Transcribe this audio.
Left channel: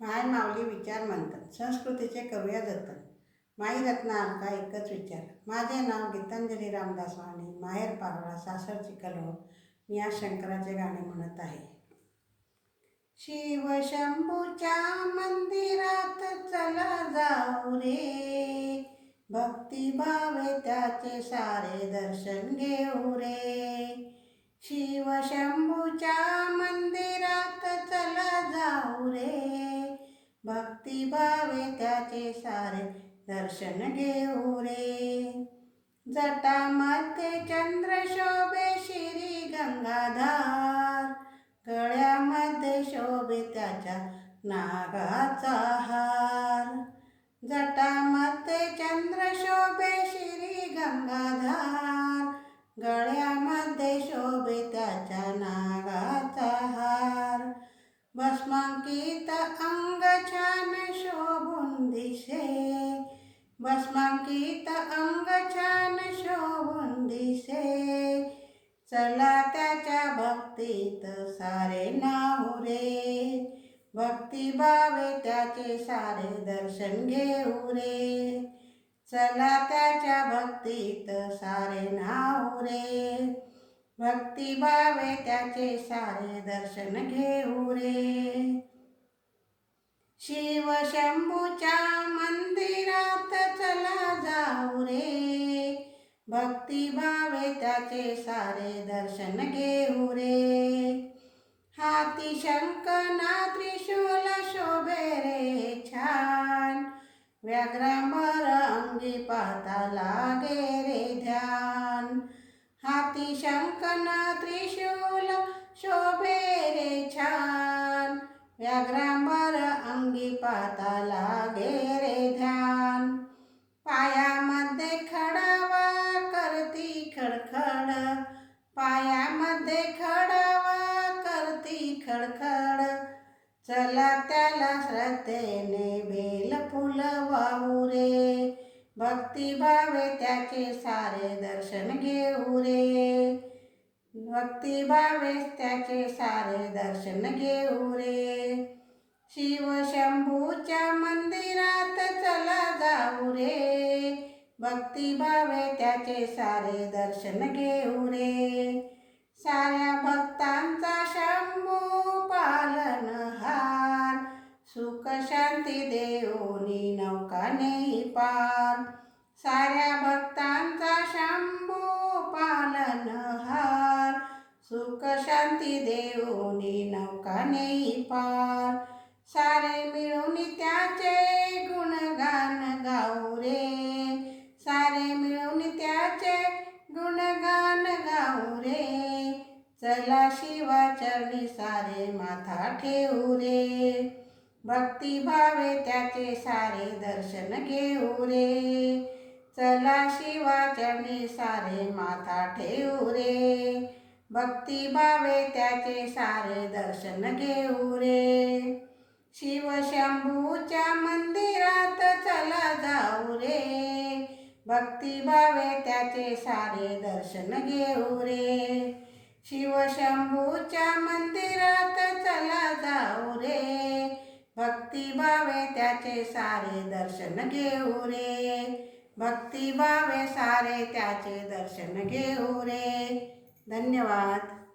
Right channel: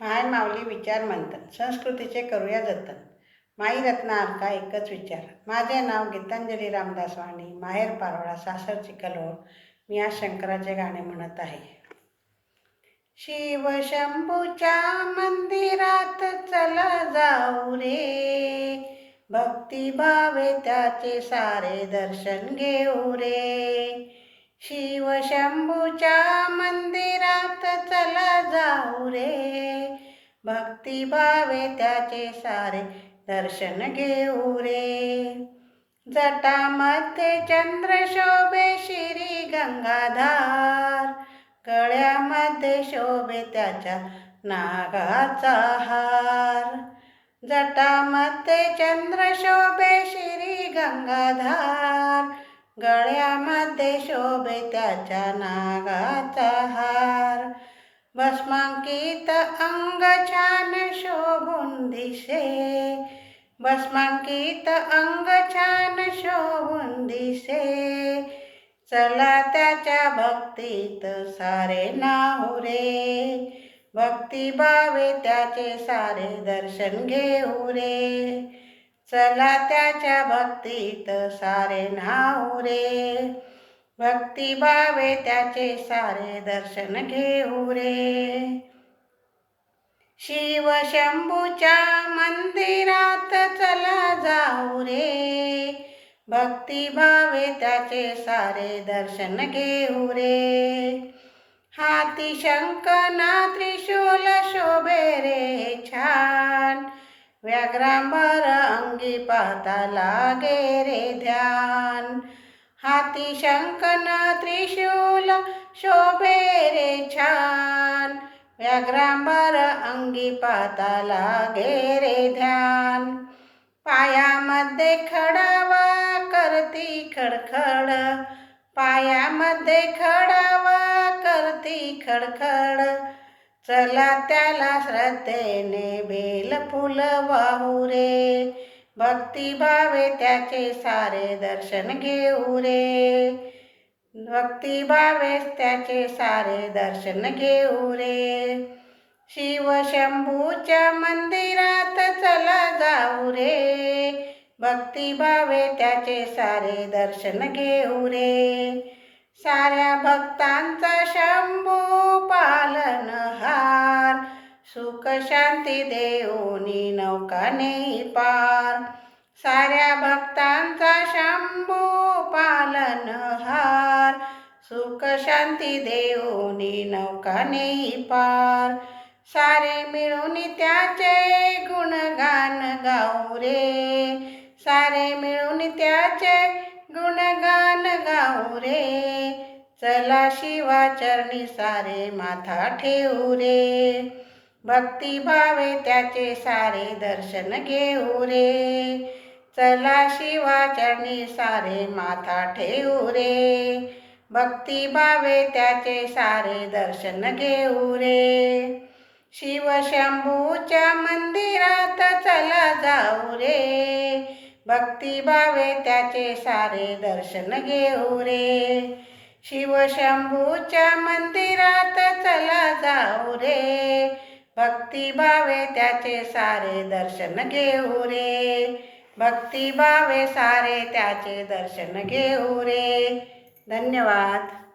पाय माऊली विचार मंथन संस्कृतीचे करूया जतन. माई रत्ना अलका एकच विचार. माझे नाव गीतांजली रामदास वाणी माहेर पारोळा सासर चिखलहोळ मी आज शंकराचे गाणे म्हणत आहे. शिव शंभूच्या मंदिरात चला जाऊ रे. भक्तिभावे त्याचे सारे दर्शन घेऊ रे. शिव शंभूच्या मंदिरात चला जाऊ रे. भक्तिभावे त्याचे सारे दर्शन घेऊ रे. जटामध्ये चंद्र शोभे श्री गंगाधार गळ्यामध्ये शोभे त्याच्या नागाचा हार. जटामध्ये चंद्र शोभे श्री गंगाधार गळ्यामध्ये शोभे त्याच्या नागाचा हार. भस्मांकित अंग छान शोभून दिसे भस्मांकित अंग छान शोभून दिसे चला त्याच्या भक्तीत सारे नाहू रे। भक्तिभावे त्याचे सारे दर्शन घेऊ रे। चला त्याच्या भक्तीत सारे नाहू रे। भक्तिभावे त्याचे सारे दर्शन घेऊ रे. शिव शंभूच्या मंदिरात चला जाऊ रे. भक्तिभावे त्याचे सारे दर्शन घेऊ रे. हाती शंकना त्रिशूल शोभे रे छान. व्याघ्रांबर अंगी पाहता लागे रे ध्यान. शंकन त्रिशूल शोभे रे छान। व्याघ्रांबर अंगी पाताला घेरे ध्यान। पायामध्ये खडावा करती खडखड। पायामध्ये खडावा करती खडखड। चला त्याला श्रद्धेने बेल फुल वाहू रे। भक्तिभावे त्याचे सारे दर्शन घेऊ रे. भक्तिभावेच त्याचे सारे दर्शन घेऊ रे. शिव शंभूच्या मंदिरात चला जाऊ रे. भक्तिभावे त्याचे सारे दर्शन घेऊ रे. साऱ्या भक्तांचा शंभू पाल शांती देऊनी नौकाने पार. साऱ्या भक्तांचा शंभू पालनहार सुख शांती देऊनी नौकाने पार. सारे मिळून त्याचे गुणगान गाऊ रे. सारे मिळून त्याचे गुणगान गाऊ रे. चला शिवाचरणी सारे माथा ठेवू रे. भक्तिभावे त्याचे सारे दर्शन घेऊ रे. चला शिवाचरणी सारे माथा ठेवू रे. भक्तिभावे त्याचे सारे दर्शन घेऊ रे. शिवशंभूच्या मंदिरात चला जाऊ रे. भक्तिभावे त्याचे सारे दर्शन घेऊ रे. शिवशंभूच्या मंदिरात चला जाऊ रे. भक्तिभावे त्याचे सारे दर्शन घेऊ रे. भक्तिभावे सारे त्याचे दर्शन घेऊ रे. धन्यवाद.